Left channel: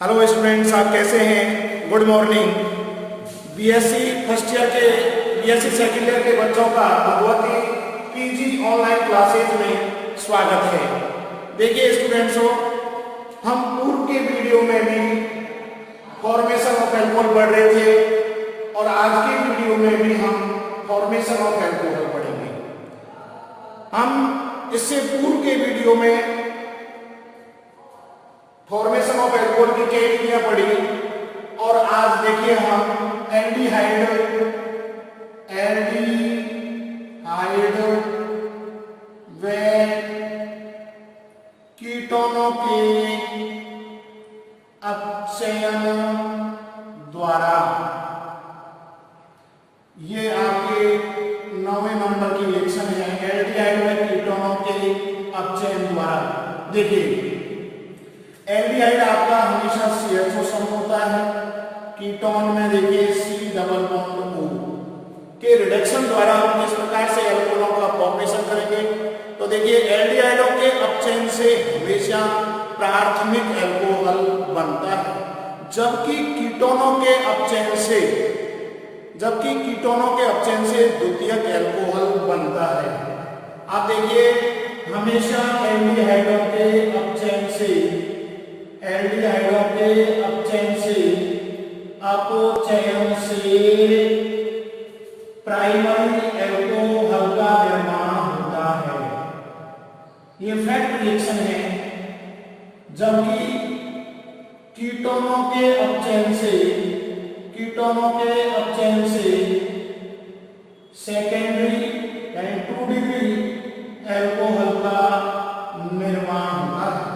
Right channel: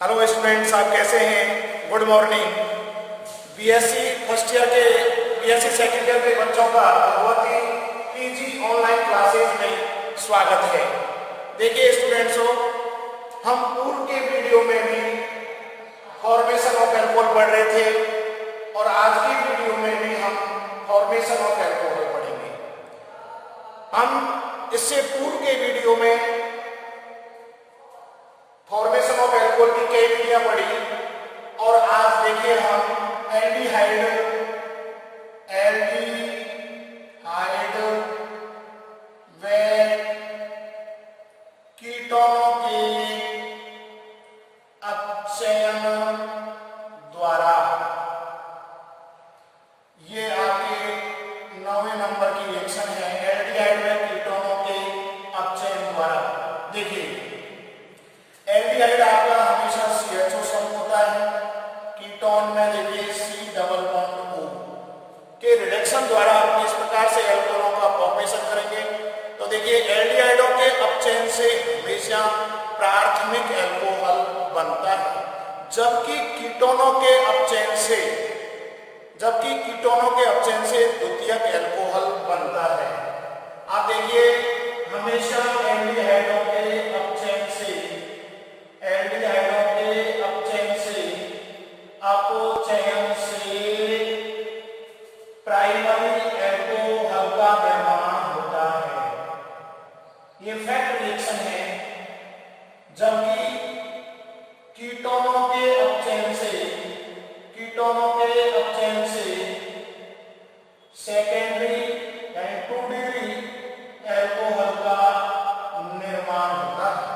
Hello students, आप कैसे हैं? Good morning. BSc first year के बीएससी सेकंड ईयर के बच्चों का भगवती पीजी ऑनलाइन क्लासेज में स्वागत है। देखिए स्टूडेंट्स, हम पूर्व के वीडियो में भी फॉर्मेशन ऑफ एल्कोहल पढ़ रहे थे और आज की वीडियो में भी हम फॉर्मेशन ऑफ एल्कोहल पढ़ेंगे। हम इससे पूर्व के वीडियो में फॉर्मेशन ऑफ एल्कोहल की कई विधियां पढ़ी और आज देखिए हम एल्डिहाइड व कीटोनों के अपचयन द्वारा, ये आपके 9वें नंबर की रिएक्शन है। एल्डिहाइड व कीटोनों के अपचयन द्वारा। देखिए एल्डिहाइड आपका हमेशा CHO समूह होता है। कीटोन में देखिए C डबल बॉन्ड O के रिडक्शन द्वारा हम इस प्रकार से एल्कोहलों का फॉर्मेशन करेंगे। तो देखिए एल्डिहाइडों के अपचयन से हमेशा प्राथमिक एल्कोहल बनता है, जबकि कीटोनों के अपचयन से द्वितीयक एल्कोहल बनता है। आप देखिए हमेशा एल्डिहाइडों के अपचयन से अपचयन से प्राइमरी एल्कोहल का निर्माण होता है। ये फैक्ट रिएक्शन है। जबकि कीटोनों के अपचयन से सेकेंडरी यानी 2 डिग्री एल्कोहल का निर्माण होता है।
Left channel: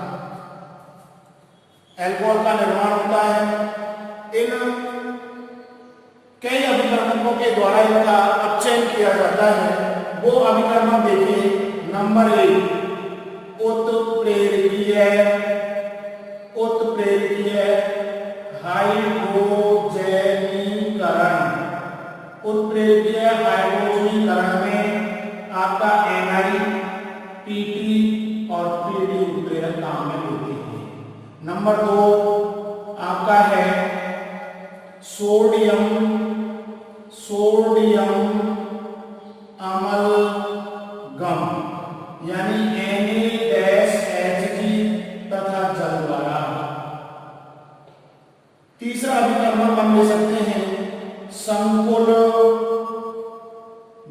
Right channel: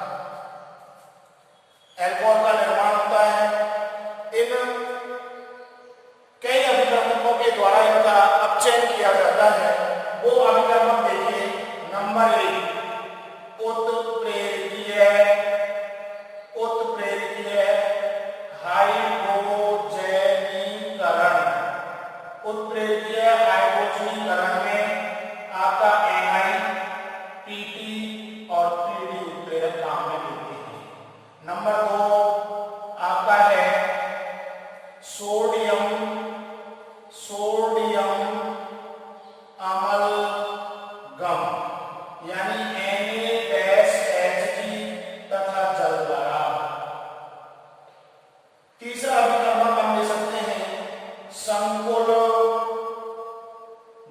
इन कई अभिकर्मकों के द्वारा इनका अपचयन किया जाता है। वो अभिकर्मक देखिए, नंबर 1 उत्प्रेरकीय हाइड्रोजनीकरण में आपका NiPT और 3D उत्प्रेरक काम में लेते हैं। नंबर 2 आपका है सोडियम अमलगम यानी Na-HG तथा जल द्वारा। तीसरा अभिकर्मक हम ले सकते हैं संकुल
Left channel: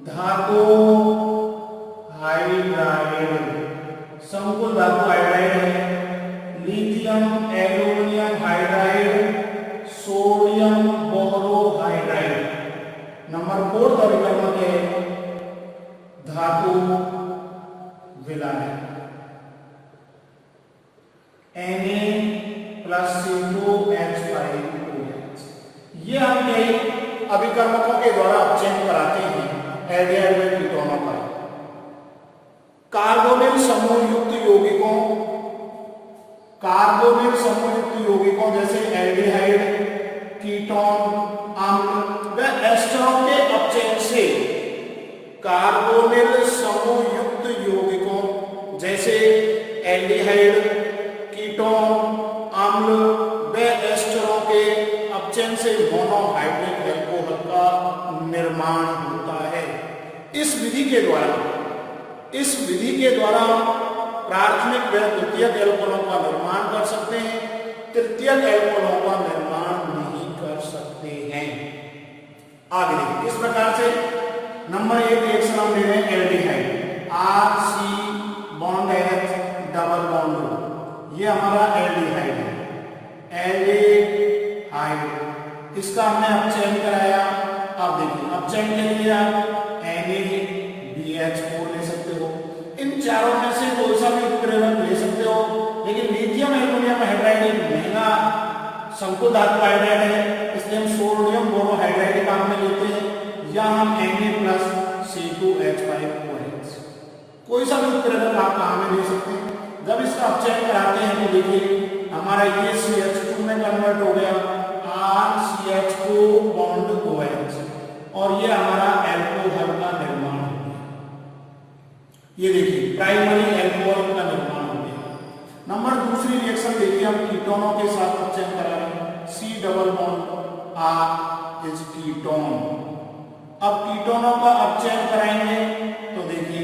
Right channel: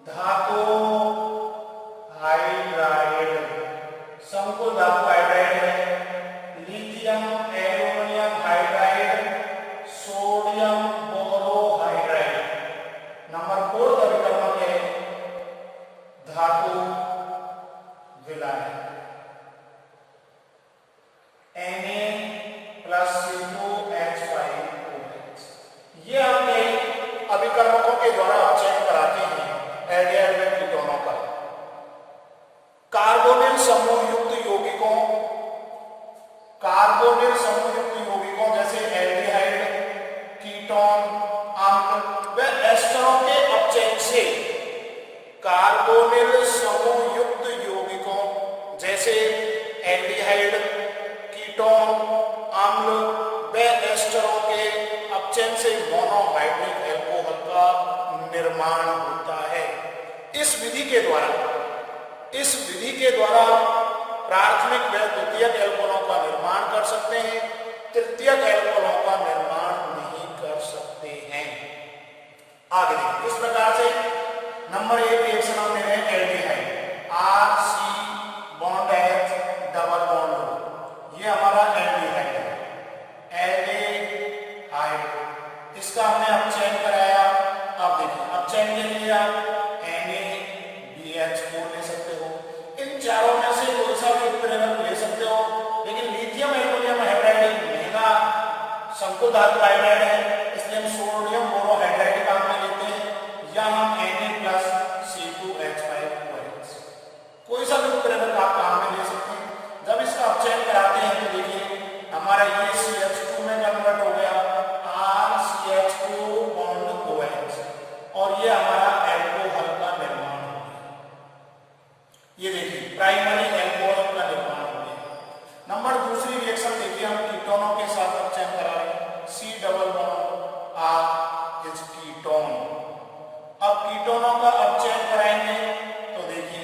धातु हाइड्राइड है। Lithium aluminium hydride, sodium borohydride. Number 4 अभिकर्मक है धातु विलायक Na+CO2H5OH। ये हम कई अभिकर्मकों के द्वारा अपचयन कराते हैं एल्डिहाइड व कीटोनों का। कार्बोनिल समूह युक्त यौगिकों जैसे एल्डिहाइड, कीटोन, अम्ल व एस्टरों के अपचयन से कार्बोनिल समूह युक्त यौगिकों जैसे एल्डिहाइड, कीटोन, अम्ल व एस्टरों के अपचयन से मोनोहाइड्रिक एल्कोहल का निर्माण होता है। इस विधि के द्वारा प्राथमिक व द्वितीयक एल्कोहलों का निर्माण कर सकते हैं, तृतीयक एल्कोहलों का निर्माण नहीं कर सकते हैं। आगे देखिए इस प्रकार से नंबर 1 रिएक्शन हम ले रहे हैं aldehyde, RC bond H double bond O। ये हमारा एल्डिहाइड है। एल्डिहाइड इसका हमने अपचयन कराया। अब देखिए अपचयन के लिए आप NaBH4 ले सकते हो। इन चारों में से कोई सा भी उत्प्रेरक ले सकते हो, लेकिन लिथियम एल्यूमिनियम हाइड्राइड एक महंगा संकुल धातु हाइड्राइड है, इसलिए हम सोडियम बोरोहाइड्राइड काम में लेते हैं, या हम Na+CO2H5OH। कोई सा भी उत्प्रेरक आप काम में ले सकते हैं। जब इसका अपचयन कराते हैं तो देखिए हमारा ये CH2 में कन्वर्ट हो गया, RCH2 बॉन्ड OH, और ये हमारा एल्कोहल का निर्माण हो गया। ये देखिए प्राइमरी एल्कोहल का निर्माण हो गया। नंबर दूसरी रिएक्शन देखिए, हम कीटोनों के साथ अपचयन करा रहे हैं। C double bond R is ketone. अब कीटोनों का अपचयन कराएंगे तो देखिए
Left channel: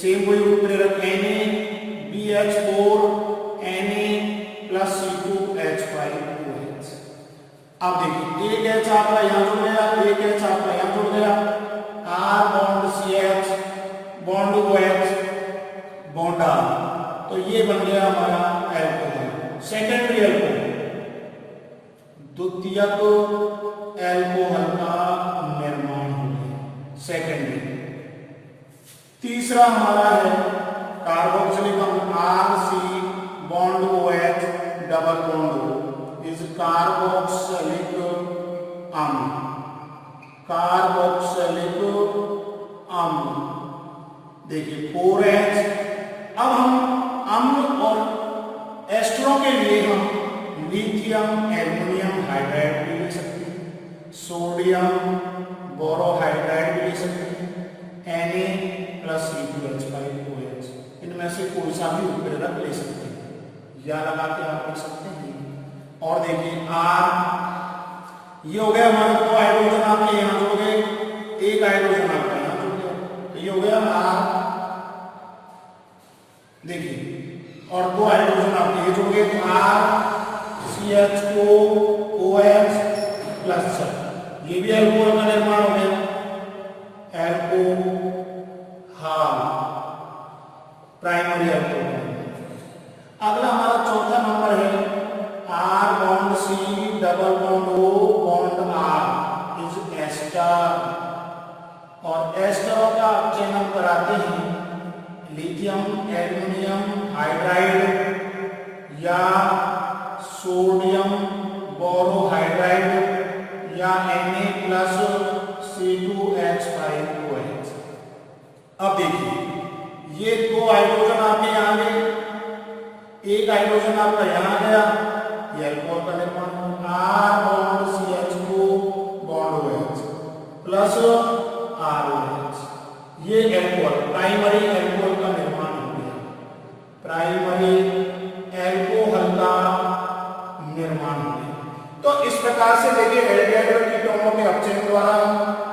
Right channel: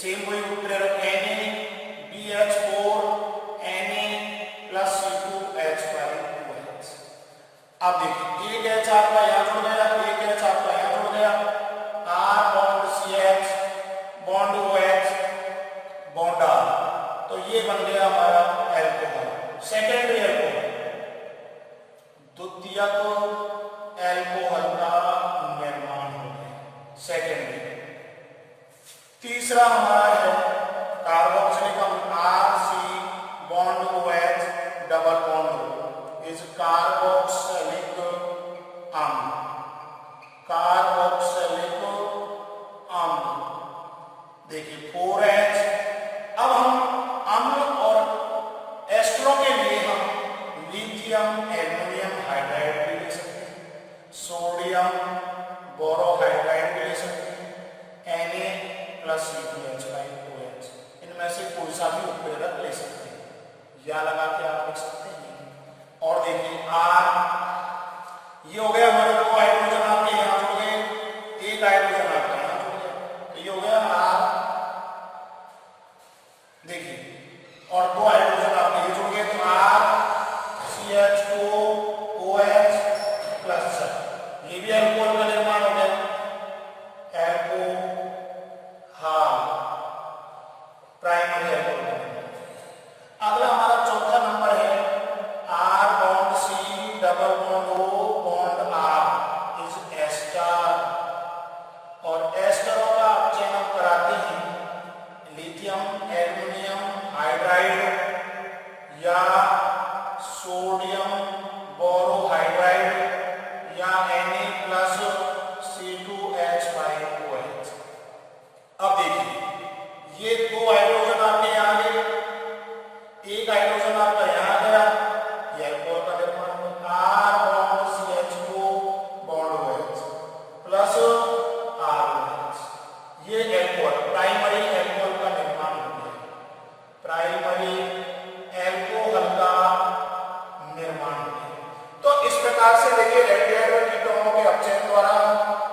सेम वही उत्प्रेरक NaBH4 Na + C2H5OH। अब देखिए एक H आपका यहाँ जुड़ गया, एक H आपका यहाँ जुड़ गया, R bond CH bond OH bond R, तो ये बन गया हमारा एल्कोहल, सेकेंडरी एल्कोहल, द्वितीयक एल्कोहल का निर्माण हो गया, सेकेंडरी। तीसरा हमारा है कार्बोक्सिलिक अम्ल RC bond OH double bond O is carboxylic अम्ल, कार्बोक्सिलिक अम्ल। देखिए 4H। अब हम अम्ल और एस्टरों के लिए हम लिथियम एल्युमिनियम हाइड्राइड भी ले सकते हैं, सोडियम बोरोहाइड्राइड भी ले सकते हैं, Na + C2H5OH, इनमें से कोई सा भी उत्प्रेरक ले सकते हैं, या लगा के आप लिख सकते हैं। और देखिए R, ये हो गया हमारे दो हाइड्रोजन आपके यहाँ जुड़ गए, एक हाइड्रोजन आपका यहाँ जुड़ गया, तो ये हो गया R। देखिए और दो हाइड्रोजन आपके ये जुड़ गए, तो RCH2OH प्लस, ये भी एल्कोहल का निर्माण हो गया, एल्कोहल, प्राइमरी एल्कोहल। अगला हमारा चौथा नंबर है R bond C double bond O bond R is ester, और एस्टरों का अपचयन हम कराते हैं लिथियम एल्युमिनियम हाइड्राइड या सोडियम बोरोहाइड्राइड या Na + C2H5OH। अब देखिए ये दो हाइड्रोजन आपके यहाँ गए, एक हाइड्रोजन आपका यहाँ गया, ये एल्कोहल का निर्माण हो, R bond CH2 bond OH plus ROH, ये एल्कोहल, प्राइमरी एल्कोहल का निर्माण हो गया, प्राइमरी एल्कोहल का निर्माण हो गया। तो इस प्रकार से देखिए एल्डिहाइड कीटोनों के अपचयन द्वारा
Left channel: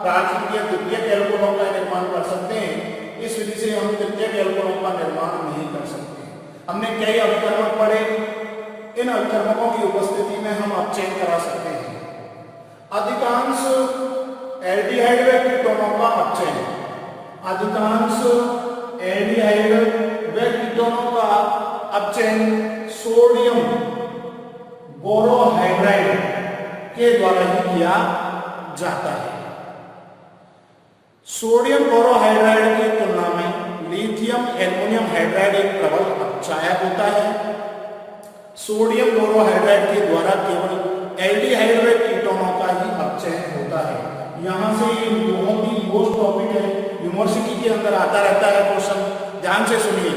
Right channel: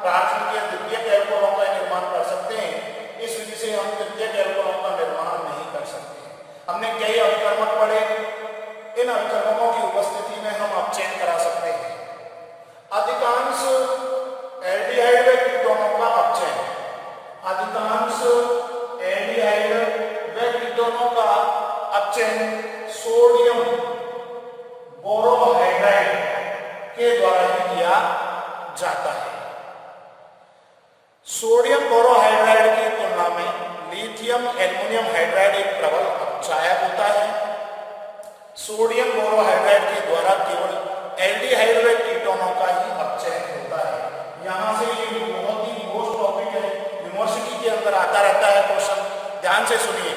प्राथमिक या द्वितीयक एल्कोहलों का निर्माण कर सकते हैं। इस विधि से हम तृतीयक एल्कोहलों का निर्माण नहीं कर सकते। हमने कई अवकर्मक पढ़े, इन अवकर्मकों की उपस्थिति में हम अपचयन करा सकते हैं। अधिकांश एल्डिहाइड व कीटोनों का अपचयन, अधिकांश एल्डिहाइड व कीटोनों का अपचयन सोडियम बोरोहाइड्राइड के द्वारा ही किया जाता है। सोडियम बोरोहाइड्राइड की तुलना में लिथियम एल्युमिनियम हाइड्राइड एक प्रबल अपचायक होता है। सोडियम बोरोहाइड्राइड के द्वारा केवल एल्डिहाइड व कीटोनों का ही अपचयन होता है। यहाँ से ये बहुत ही मोस्ट टॉपिक है, यूनिवर्सिटी के अंदर आता रहता है क्वेश्चन, ध्यान से सुनिए।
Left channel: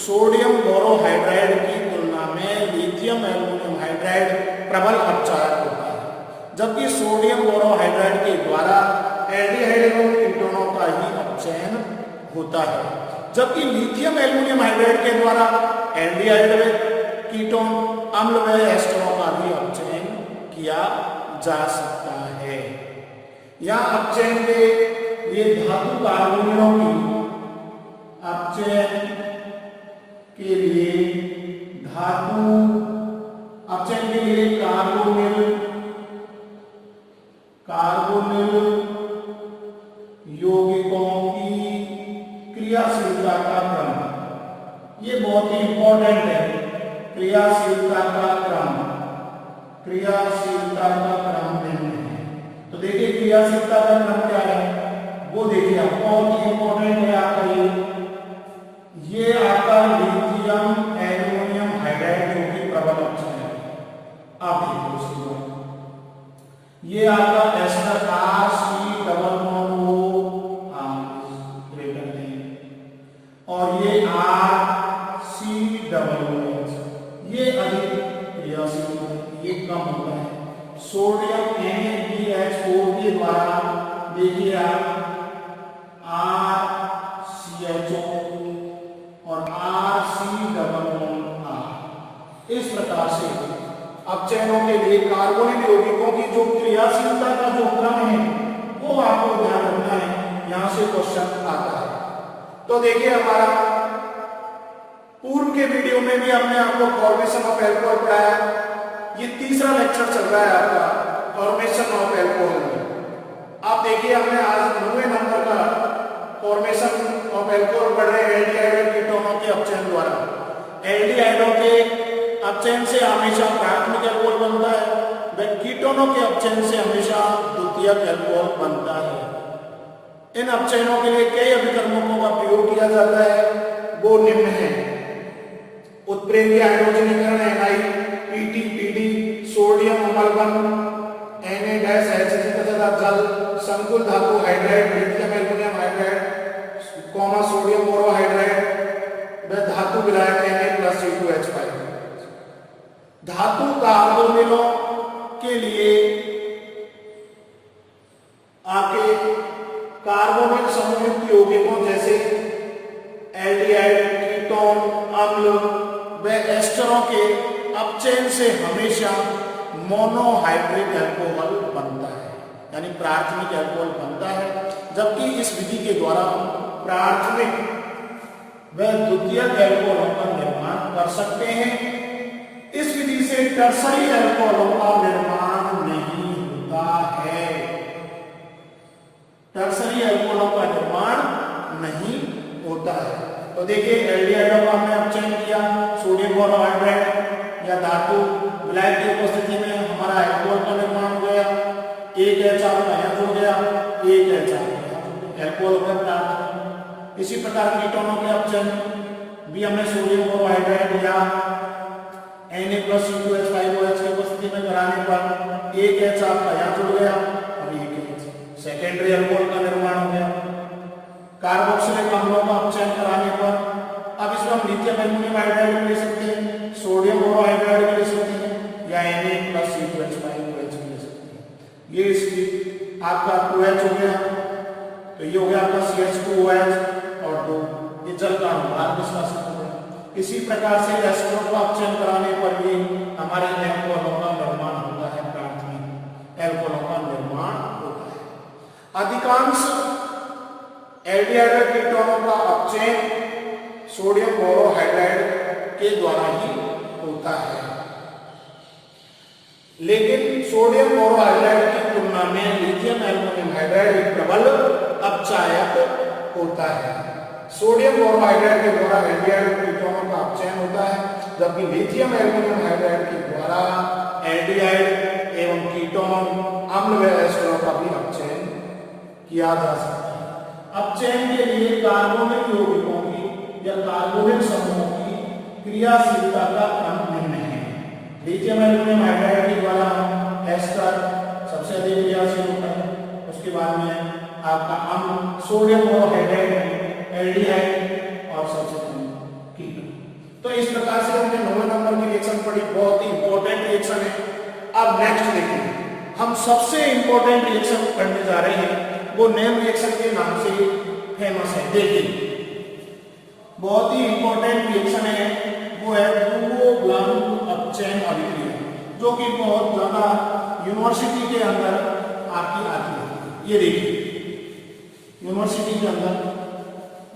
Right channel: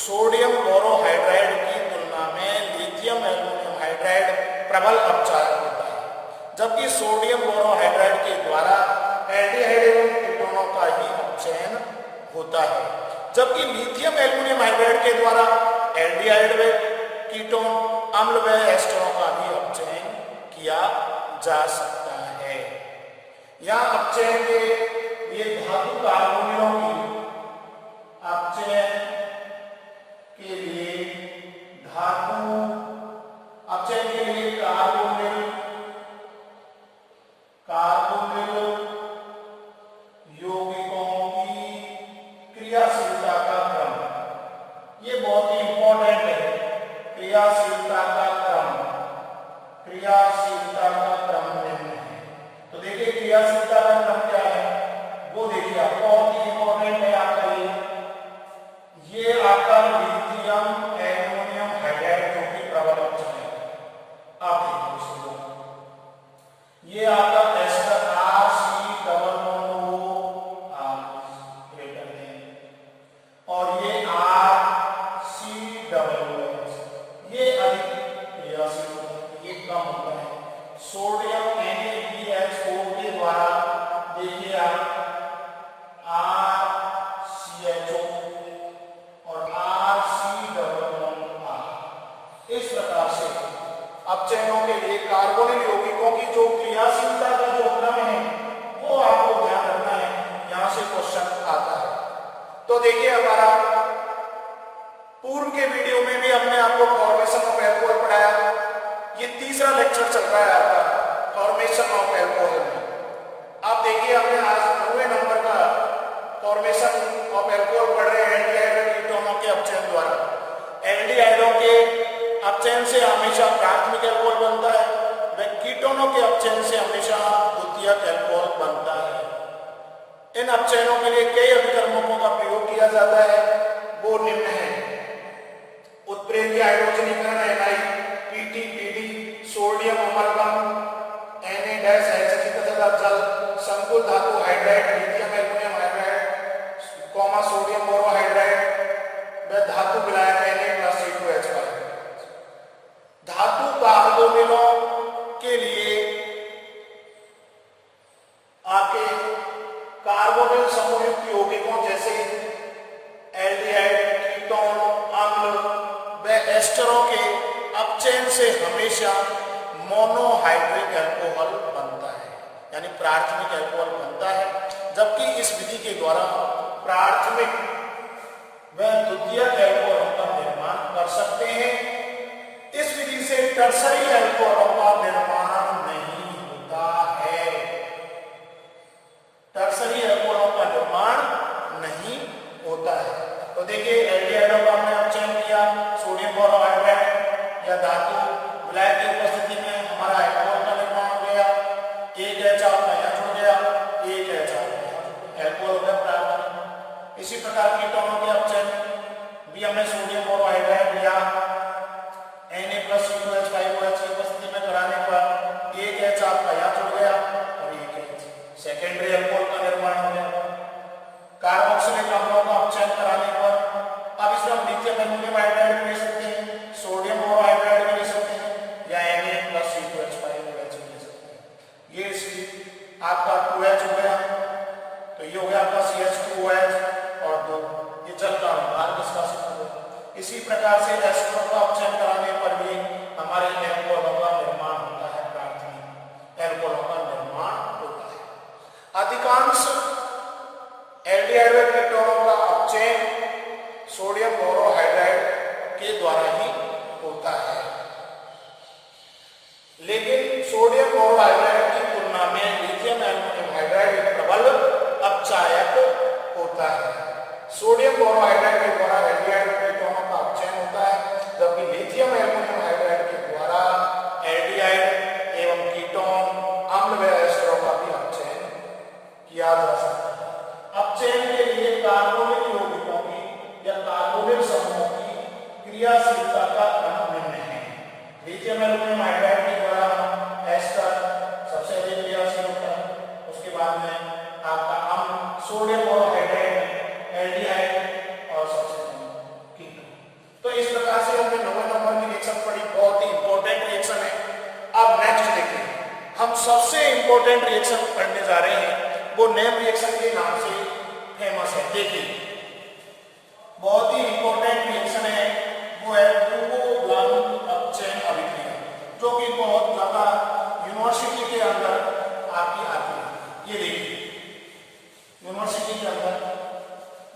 सोडियम बोरोहाइड्राइड की तुलना में लिथियम एल्युमिनियम हाइड्राइड प्रबल अपचायक होता है, जबकि सोडियम बोरोहाइड्राइड के द्वारा एल्डिहाइड एवं कीटोनों का ही अपचयन होता है, जबकि लिथियम एल्युमिनियम हाइड्राइड के द्वारा एल्डिहाइड व कीटोन अम्ल व एस्टरों का भी अपचयन किया जा सकता है। यहाँ अपचयन के लिए धातु कार्बोनिलों की अपचयन के लिए धातु अपचयन के लिए कार्बोनिल यौगिकों की क्रियाशीलता का क्रम, ये बहुत ही इंपॉर्टेंट है। क्रियाशीलता का क्रम, क्रियाशीलता का क्रम निम्न है। तो देखिए क्रियाशीलता का क्रम क्या है, वो देखिए आप, बहुत ही इंपॉर्टेंट है आपका ये आपका लिथियम एल्युमिनियम हाइड्राइड जो कि प्रबल अपचयक है। आप देखो ये आपका ester RC double bond O greater than, और ये RC डबल OH ये अधिक क्रियाशील होता है, ये कम होता है। सोडियम NaBH4 के द्वारा देखिए आप RCHO और RC double bond R carbonyl यौगिकों की जो क्रियाशीलता का जो क्रम है वो आपको ध्यान रखना है, यहां से क्वेश्चन आता है। तो देखिए हमारा पूर्व के वीडियो में भी हमने आपको फॉर्मेशन ऑफ एल्कोहल पढ़ाया, ये तीसरा लेक्चर चल रहा है आपका फॉर्मेशन ऑफ एल्कोहल में। आप देखिए हमने आज 9वें नंबर का फॉर्मेशन ऑफ एल्कोहल पढ़ रहे हैं एल्डिहाइड कीटोनों के अपचयन द्वारा। एल्डिहाइडों के अपचयन से हमेशा प्राथमिक एल्कोहल बनता है, व कीटोनों के अपचयन से हमेशा द्वितीयक एल्कोहल बनता है। इन अपचयनों के लिए कई अभिकर्मकों का प्रयोग किया जाता है, वो निम्न है। उत्प्रेरकीय हाइड्रोजनीकरण Ni, Pt, Pd, sodium amalgam, Na-HG तथा जल, संकुल धातु hydride, lithium aluminium hydride, sodium borohydride व धातु विलायक Na+C2H5। धातु कार्बोनिलों के लिए आके कार्बोनिल समूहित यौगिकों जैसे एल्डिहाइड, कीटोन, अम्ल व एस्टरों के अपचयन से हमेशा मोनोहाइड्रिक एल्कोहल बनता है, यानी प्राथमिक एल्कोहल बनता है। जबकि इस विधि के द्वारा प्राथमिक व द्वितीयक एल्कोहलों का निर्माण कर सकते हैं। इस विधि से टर्सरी एल्कोहलों का निर्माण नहीं होता है, टर्सरी एल्कोहलों का निर्माण नहीं होता है। तो देखिए एल्डिहाइडों का हमने अपचयन किया, सोडियम बोरोहाइड्राइड या धातु विलायक की उपस्थिति में हमारा एल्कोहल का निर्माण हो गया, एक H यहाँ जुड़ गया, एक H एल्कोहल प्राप्त। इसी प्रकार कीटोनों के अपचयन भी हमने सोडियम बोरोहाइड्राइड या Na+C2H5OH की उपस्थिति में कराने पर एक H आपका यहाँ जुड़ गया और एक H सेकेंडरी एल्कोहल का निर्माण हो गया। कार्बोक्सिलिक अम्लों का अपचयन कराने पर अब इसमें हम लिथियम एल्युमिनियम हाइड्राइड ले सकते हैं, सोडियम बोरोहाइड्राइड ले सकते हैं या Na+C2H5OH ले सकते हैं। ये इसकी आपका 2H हो गया, तो ये हो गया आपका CH2OH और 2, ये जल का अनुभाग निष्कासित हो गया। इसी प्रकार से एस्टरों का अपचयन कराने पर भी हमारे एल्कोहलों का निर्माण होता है, प्राथमिक एल्कोहलों का निर्माण होता है। अधिकांश एल्डिहाइड कीटोनों का अपचयन सोडियम बोरोहाइड्राइड के द्वारा ही होता है, लेकिन सोडियम बोरोहाइड्राइड की तुलना में लिथियम एल्युमिनियम हाइड्राइड एक प्रबल अपचायक होता है। सोडियम बोरोहाइड्राइड के द्वारा एल्डिहाइड कीटोनों का अपचयन होता है, जबकि लिथियम एल्युमिनियम हाइड्राइड के द्वारा एल्डिहाइड एवं कीटोन, अम्ल व एस्टरों का भी अपचयन किया जा सकता है। अपचयन के लिए कार्बोनिल यौगिकों की या कार्बोनिल समूहों की क्रियाशीलता का क्रम निम्न है। लिथियम एल्युमिनियम हाइड्राइड के द्वारा एस्टर सबसे अधिक क्रियाशील होता है, उसके बाद में आपका अम्ल सोडियम बोरोहाइड्राइड, एल्डिहाइड और सबसे कम कीटोन। तो इस प्रकार से हमने 9वें नंबर की रिएक्शन पढ़ी, बहुत ही इंपॉर्टेंट रिएक्शन है। अब नेक्स्ट देखिए, हम सबसे इंपॉर्टेंट रिएक्शन करने जा रहे हैं, वो नेम रिएक्शन के नाम से फेमस है। देखिए बहुत ही इंपॉर्टेंट रिएक्शन है, वो है बुरो-ब्लांक अपचयन अभिक्रिया, जो कि बहुत ज्यादा यूनिवर्सिटी के अंदर आपकी आती है। ये देखिए यूनिवर्सिटी के अंदर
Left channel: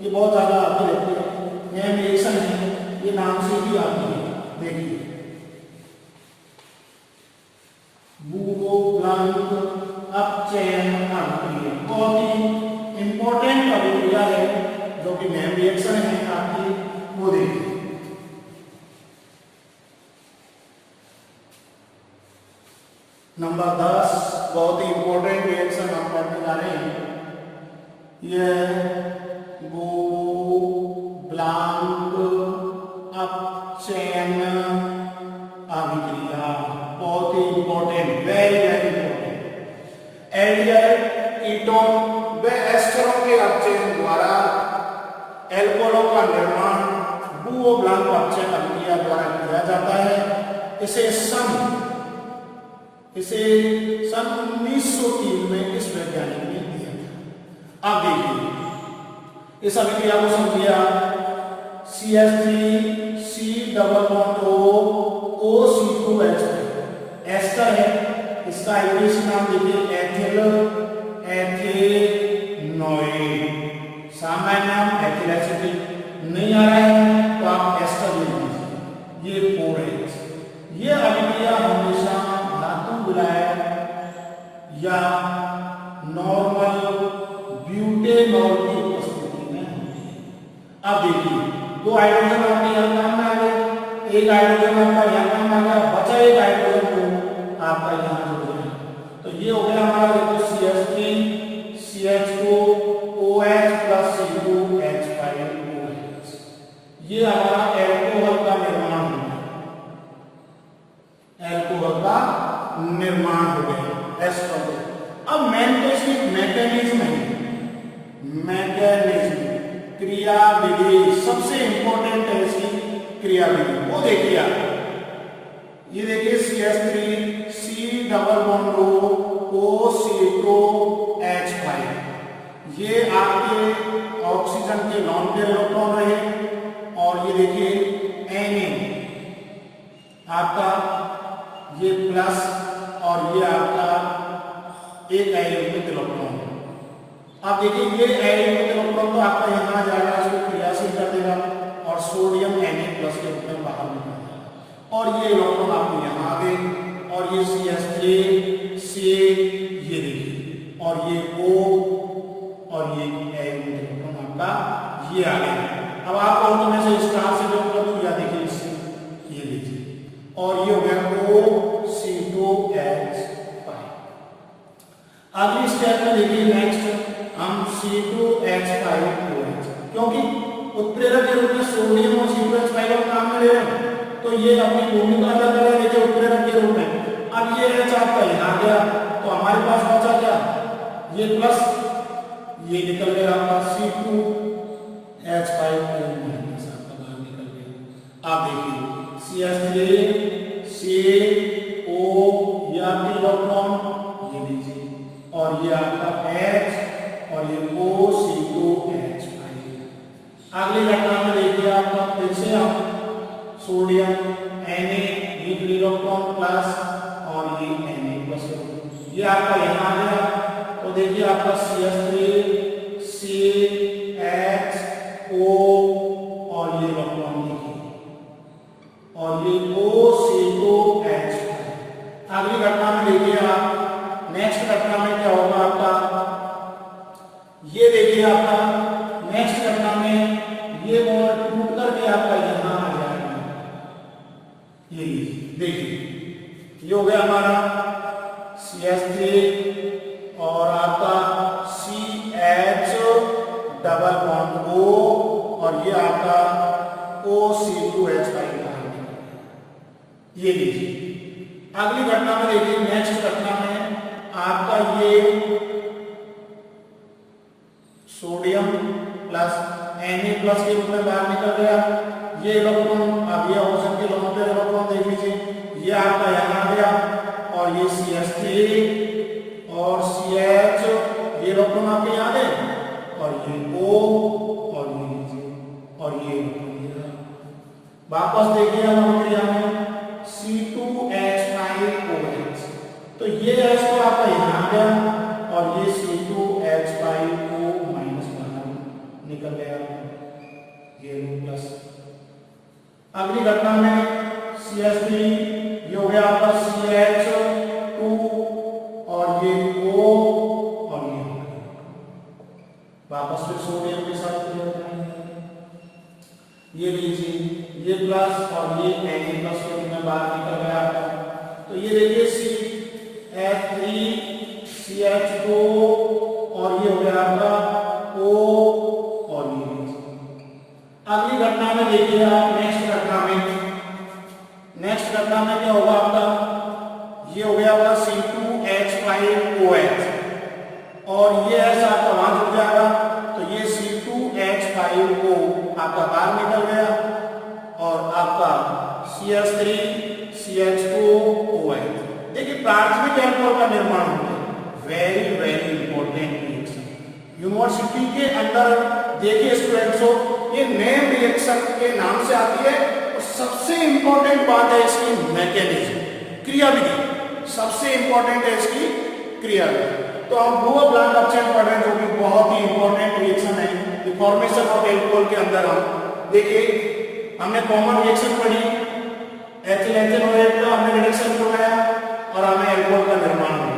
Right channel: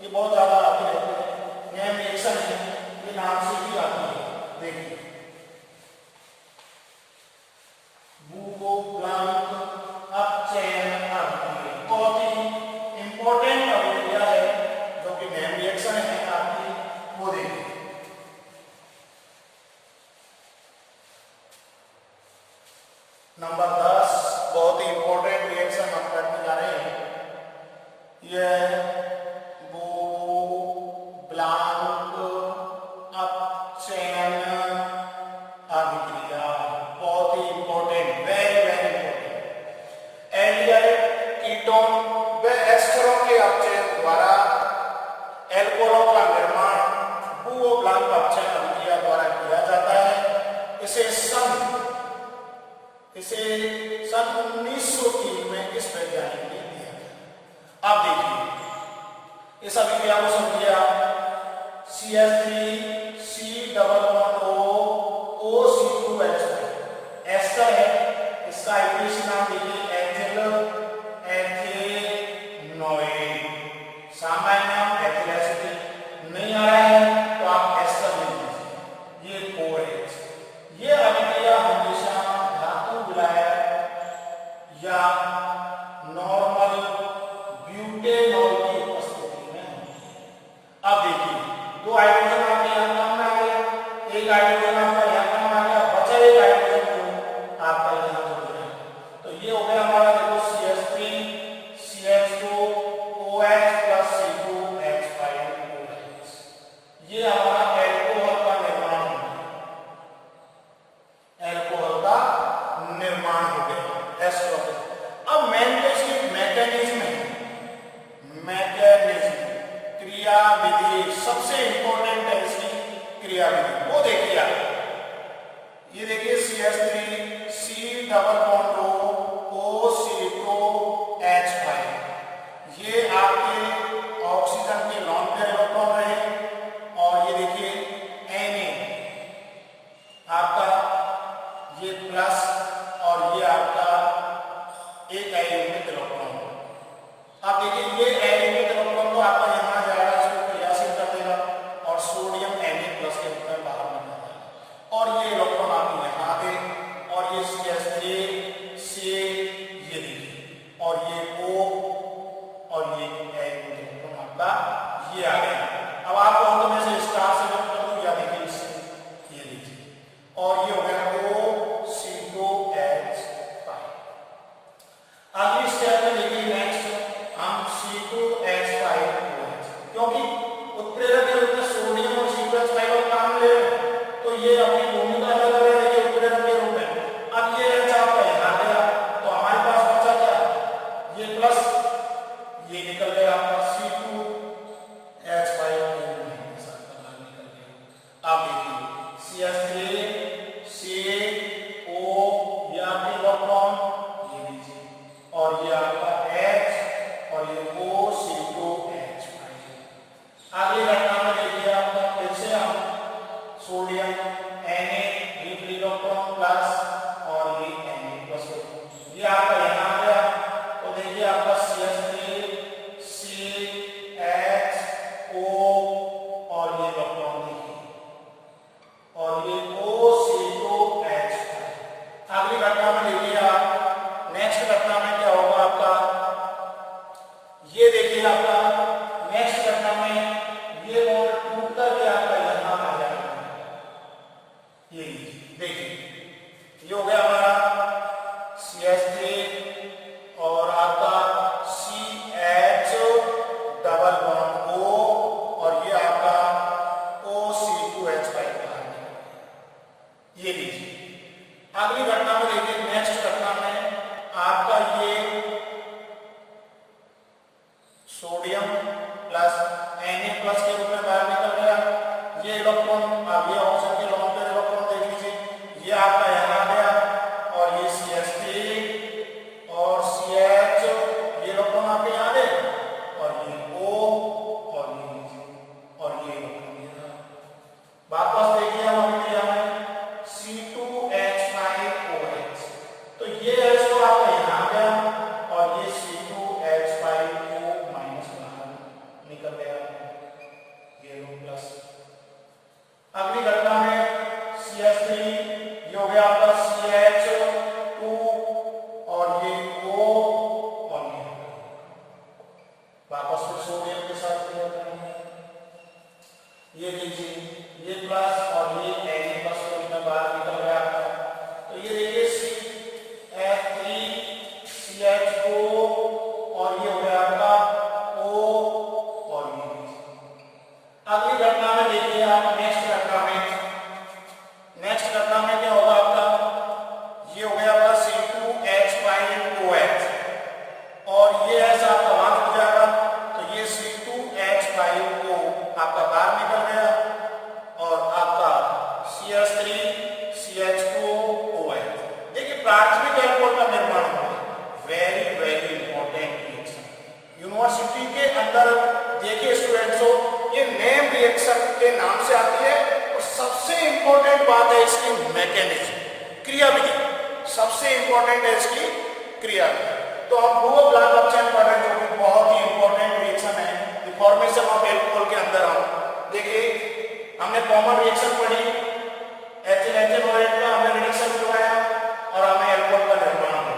ये बहुत ज्यादा आती रहती है, नेम रिएक्शन है, ये नाम से भी आती है। देखिए बुरो-ब्लांक अपचयन अभिक्रिया बहुत ही इंपॉर्टेंट अभिक्रिया है, जो कि नेम रिएक्शन है आपकी, वो देखिए। नंबर 10 बहुत ही इंपॉर्टेंट रिएक्शन हम करने जा रहे हैं, यह बुरो-ब्लांक अपचयन अभिक्रिया बहुत ही important, very very important. Aldehyde, ketone व एस्टरों के अपचयन द्वारा एल्कोहलों का निर्माण बुरो-ब्लांक अपचयन अभिक्रिया द्वारा किया जाता है। इसे सन 1903 में इस वैज्ञानिक ने दिया। अब देखिए इस अभिक्रिया को समझिए, CH3 C++ O O C2H5 ester ester है, इसका आईयूपीएसी नाम देखिए एथिल एथेनोएट, सामान्य नाम एथिल एसिटिक। नहीं आ रहा है तो आप एस्टर लिख दीजिए, ये 4H। ये अभिक्रिया हमेशा धातु विलायक या नॉर्मल ब्यूटेनॉल की उपस्थिति में होती है। अब देखिए दो हाइड्रोजन आपके यहाँ काम में आ गए, एक हाइड्रोजन आपका यहाँ काम आ गया, बचा एक हाइड्रोजन जो आपका यहाँ जुड़ गया। तो ये हो गया हमारा देखो CH3 CH2OH प्लस C2H5OH। ये हमारा एल्कोहल का निर्माण हो गया, एल्कोहल का निर्माण हो गया एस्टर। अब मेन तो इसकी मैकेनिज्म है, मैकेनिज्म क्रिया विधि सबसे इंपॉर्टेंट है इसकी क्रिया विधि। वो देखिए आप, ये देखिए CH3 C डबल बॉन्ड रो O CO2H5, ये आपके ऑक्सीजन के लॉन पेयर इलेक्ट्रॉन रहे। और ये देखिए Na आपका ये प्लस और ये आपका एक आयोनिक इलेक्ट्रॉन। अब देखिए ये आयोनिक इलेक्ट्रॉन तो आपका यहाँ जाएगा, इसको क्रियाशील कर देगा और सोडियम Na प्लस के रूप में बाहर निकलेगा। और ये इलेक्ट्रॉन आपको यहाँ आ गए और ये CH3 C ये देखिए और ये O और ये आयोनिक इलेक्ट्रॉन आपका ये आ गया। अब आप बहुत में से स्टार से जो कर या देखिए इससे ये देखिए और ये हो गया OC2H5। अगली स्टेप में देखिए नेक्स्ट हम C2H5OH, क्योंकि उत्प्रेरक के रूप में सोडियम और C2H5 काम में ले रहे हैं तो ये अपनी भूमिका अदा कर रहे हैं देखिए उत्प्रेरक के रूप में। अब ये H आपका यहाँ गया तो हमारे पास बचा क्या, ये प्लस ये निकल गया आपका C2H5O आपका बाहर निकल गया। आप देखिए CH3 CO ये आपके इलेक्ट्रॉन ये लीजिए और ये आपका H और ये OC2H5। अगली घटना में देखिए आपका फिर से हम सोडियम Na ये इलेक्ट्रॉन प्लस और ये Na प्लस, ये आपका यहाँ आ गया तो देखिए आपका CH3 CHO और ये इलेक्ट्रॉन देखिए और ये OC2H5। अगली घटना में देखिए आप, नेक्स्ट घटना में क्या होगा आपका, ये देखिए आपका नेक्स्ट घटना में ये बॉन्ड टूट करके आपका यहाँ आ जाएगा। ये देखिए ये हो गया हमारा CH3 और आपका CH डबल बॉन्ड O और ये आपका OC2H5। ये लीजिए अगली घटना में देखिए, नेक्स्ट घटना में आपका ये सोडियम प्लस Na प्लस के रूप में बाहर निकल गया। ये इलेक्ट्रॉन अब ये ऑक्सीजन के लोन पेयर इलेक्ट्रॉन देख लीजिए, ये आपका यहाँ आ गया और ये CH3 और CH ये इलेक्ट्रॉन आपके यहाँ गए और ये O और ये लीजिए और ये वापस देखिए हम अभिक्रिया में C2H5OH, तो ये H तो आपका यहाँ आ गया और ये C2H5O माइनस बाहर निकल गया, ये लो प्लस। अगली घटना में CH3 ये हो गया आपका CH2 और ये O और ये वापस फिर सोडियम के साथ क्रिया करेंगे, ये लीजिए ये प्लस और ये Na प्लस के रूप में बाहर निकल गया आपका। तो ये देखिए CH3 CH2 और ये हो गया आपका O और ये। अगली घटना में देखिए आप, नेक्स्ट घटना में क्या होगा आपका, ये हो गया आपका C2H5OH और ये ऐसा आपका वहां जुड़ जाएगा तो ये C2H5O आपका बाहर निकल गया और आपका CH3 CH2OH। देखिए प्राथमिक एल्कोहल का निर्माण होता है, very very important reaction university के अंदर। देखिए स्टूडेंट्स, ये नेम रिएक्शन के नाम से आती है और सबसे इंपॉर्टेंट बात है इसकी मैकेनिज्म, क्रिया विधि सबसे इंपॉर्टेंट है इसकी क्रिया भी। तो हम ब्लू ब्लैंक ऑप्शन पढ़ रहे हैं, जो कि बहुत ही इंपॉर्टेंट रिएक्शन है फॉर्मेशन ऑफ एल्कोहल के अंदर। हम देखिए हमने कॉमन रिएक्शन पढ़ी, HNO8 का हमने रिडक्शन करवाया और हमें एल्कोहल का निर्माण हुआ।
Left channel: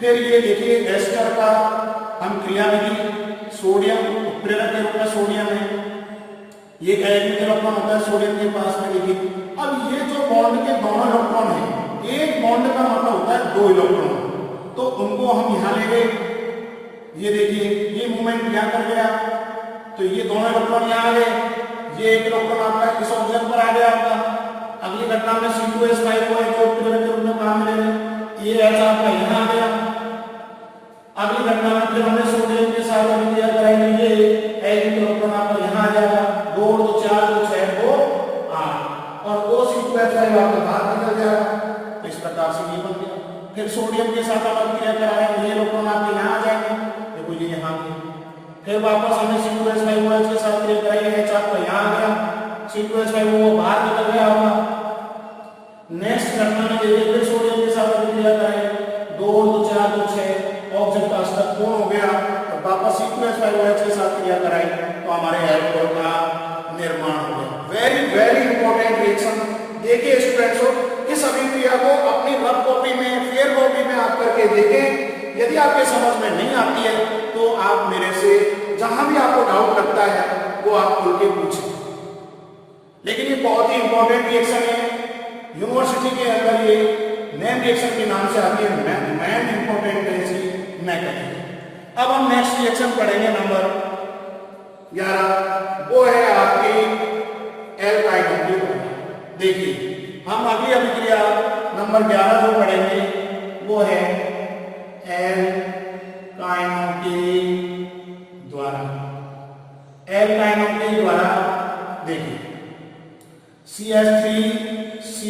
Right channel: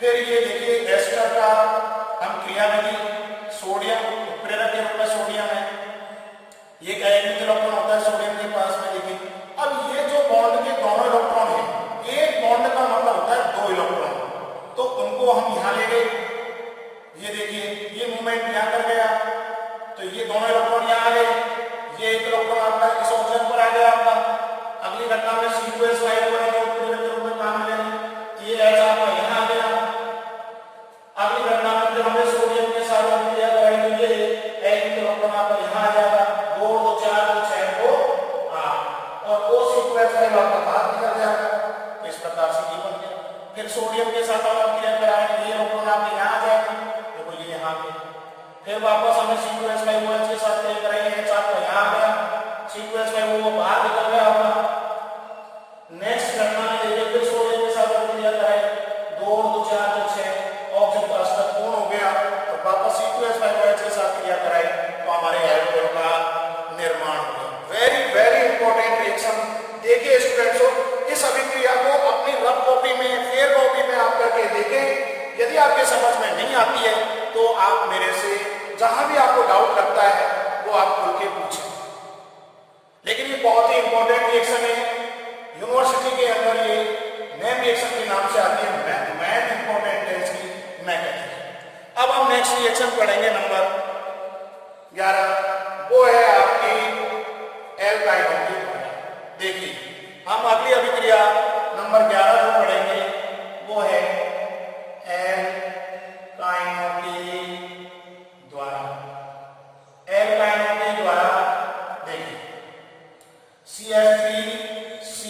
फिर ये देखिए एस्टर का हम क्रिया विधि, सोडियम उत्प्रेरक के रूप में सोडियम है, ये एक इलेक्ट्रॉन होता है सोडियम के पास में। देखिए अब ये जो बॉन्ड के दोनों इलेक्ट्रॉन है, एक बॉन्ड का मतलब होता है 2 इलेक्ट्रॉन, तो उनको हम यहाँ ले गए। ये देखिए ये मूवमेंट यहाँ कर गया, तो ये दोनों इलेक्ट्रॉन यहाँ आ गए, ये एक इलेक्ट्रॉन आपका इस ऑक्सीजन पर आ गया आपका। अगली घटना में C2H5 को जो उत्प्रेरक के रूप में काम मिलेगा, ये H आपका यहाँ आ गया। अगली घटना में फिर हमने सोडियम के साथ अभिक्रिया कराई, तो ये एक इलेक्ट्रॉन आपका यहाँ आ जाएगा, 2 2 4 2 6 2 8 और वो C2H5 आपका बाहर निकल जाएगा। तो इस प्रकार से ये बन गया। फिर सोडियम के साथ हम अभिक्रिया कराएंगे, ये इलेक्ट्रॉन आपके यहाँ आ जाएंगे, देखो ये यहाँ पे। फिर वापस हमें C2H5OH के साथ क्रिया कराई, H आपका यहाँ आ गया, C2H5 वो बाहर निकल गया आपका। नेक्स्ट घटना में देखिए फिर सोडियम के साथ अभिक्रिया कराई, 2 2 4 2 6 ऑक्सीजन का स्तर पूर्ण हो गया, और वापस C2H5OH के साथ क्रिया कराई, तो हमारे एल्कोहल का निर्माण हो गया। Very very important reaction. देखिए स्टूडेंट्स, इस अभिक्रिया को अपनी रफ कॉपी में, फेयर कॉपी में आप करके देखें। यदि आपके समझ में नहीं आती है तो आप मेरे से जहां भी आपको डाउट लगता है वो आप खुल के पूछें। लेकिन ये बहुत ही इंपॉर्टेंट रिएक्शन है, यूनिवर्सिटी के अंदर ये मेन रिएक्शन के नाम से आती है, मेन इंपॉर्टेंट है इसकी मैकेनिज्म। अब हम नेक्स्ट रिएक्शन पढ़ेंगे नंबर 11, वो है आपकी एल्काइल। देखिए हम अगली अभिक्रिया नंबर 11 जो पढ़ेंगे वो है एल्काइनों के द्वारा। एल्काइनों के द्वारा देखिए CH3C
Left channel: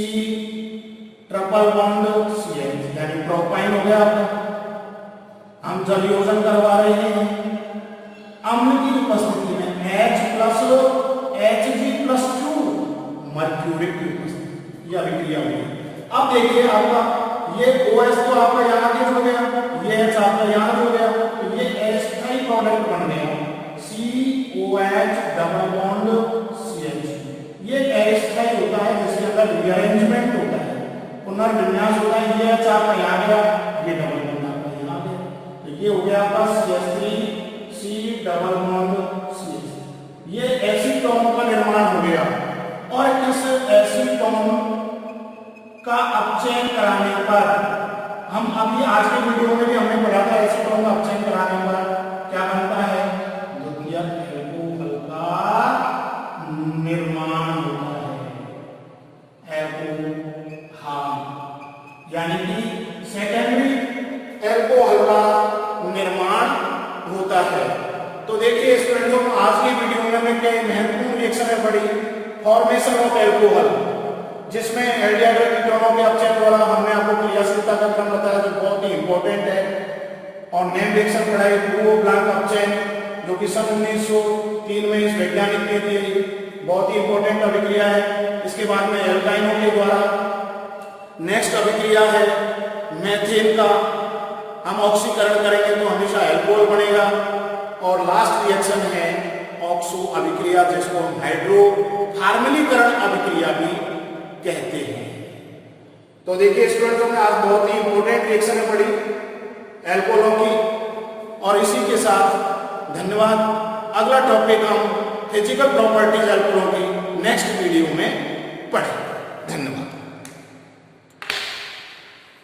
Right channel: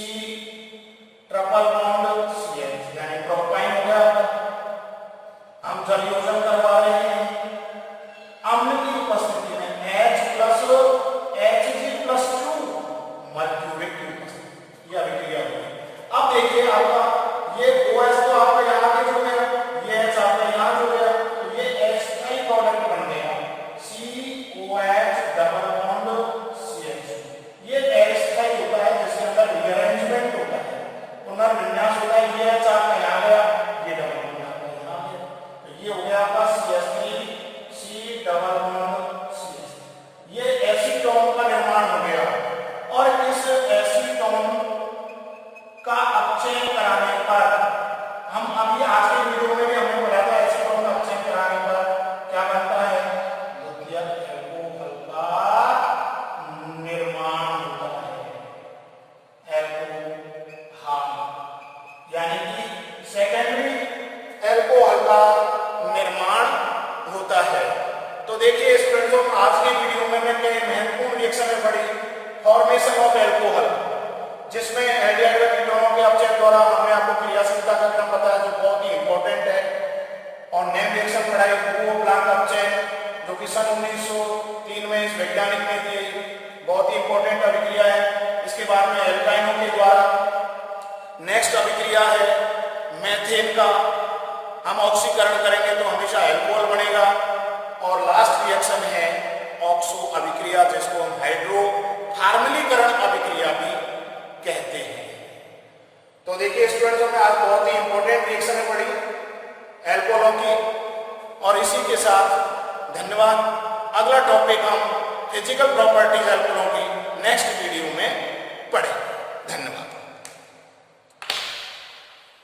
ट्रिपल बॉन्ड CH यानी प्रोपाइन हो गया आपका। हम जल योजन करवा रहे हैं अम्ल की उपस्थिति में, H+Hg+2 मर्क्यूरिक की उपस्थिति, यह अभिक्रिया हुई। अब देखिए आपका ये OH तो आपका यहाँ के जुड़ गया, ये H आपका यहाँ जुड़ गया, तो ये एस्टाई प्रोडक्ट बन गया COH डबल बॉन्ड CH। ये एस्टाई होता है जिसके अंदर रीअरेंजमेंट होता है, पुनर्विन्यास होता है। ये H आपका यहाँ गया, ये डबल बॉन्ड आपका यहाँ गया, तो ये हो गया आपका CH3C डबल बॉन्ड CH। ये एसीटोन का निर्माण हो गया, और इस एसीटोन का अपचयन कराने पर, हम अभी आज के वीडियो में भी हमने पढ़ा था, एसीटोन का अपचयन कराने पर क्या बनता है, द्वितीयक एल्कोहल का निर्माण होता है, एल्कोहल, यानी कि सेकेंडरी एल्कोहल का निर्माण होता है। तो देखिए स्टूडेंट्स, आज की वीडियो में मैं महत्वपूर्ण रिएक्शन में पढ़ी फॉर्मेशन ऑफ एल्कोहल, जिसमें एल्डिहाइड कीटोनों के अपचयन द्वारा हमने आपको क्रियाशीलता का क्रम बताया जो बहुत ही इंपॉर्टेंट है, और नेम रिएक्शन पढ़ाई ब्लू ब्लैंक अपचयन, जो कि सन 1903 में इस वैज्ञानिक ने दी, बहुत ही इंपॉर्टेंट अभिक्रिया है। इसके बाद में एल्काइनों के द्वारा नेक्स्ट अभिक्रिया है मेथेन का, हम ऑक्सीकरण करेंगे तो हमेशा एल्कोहल बनेगा, और लास्ट रिएक्शन है ऑक्सो अभिक्रिया, जिसको हम हाइड्रोथर्मलीकरण अभिक्रिया भी कहते हैं। तो देखिए स्टूडेंट्स, हमने आज बहुत ही इंपॉर्टेंट रिएक्शन पढ़ी एल्कोहलों की, और इसी के साथ धन्यवाद। अगला टॉपिक हम फिजिकल प्रॉपर्टीज एल्कोहलों की नेक्स्ट वीडियो में पढ़ेंगे। धन्यवाद।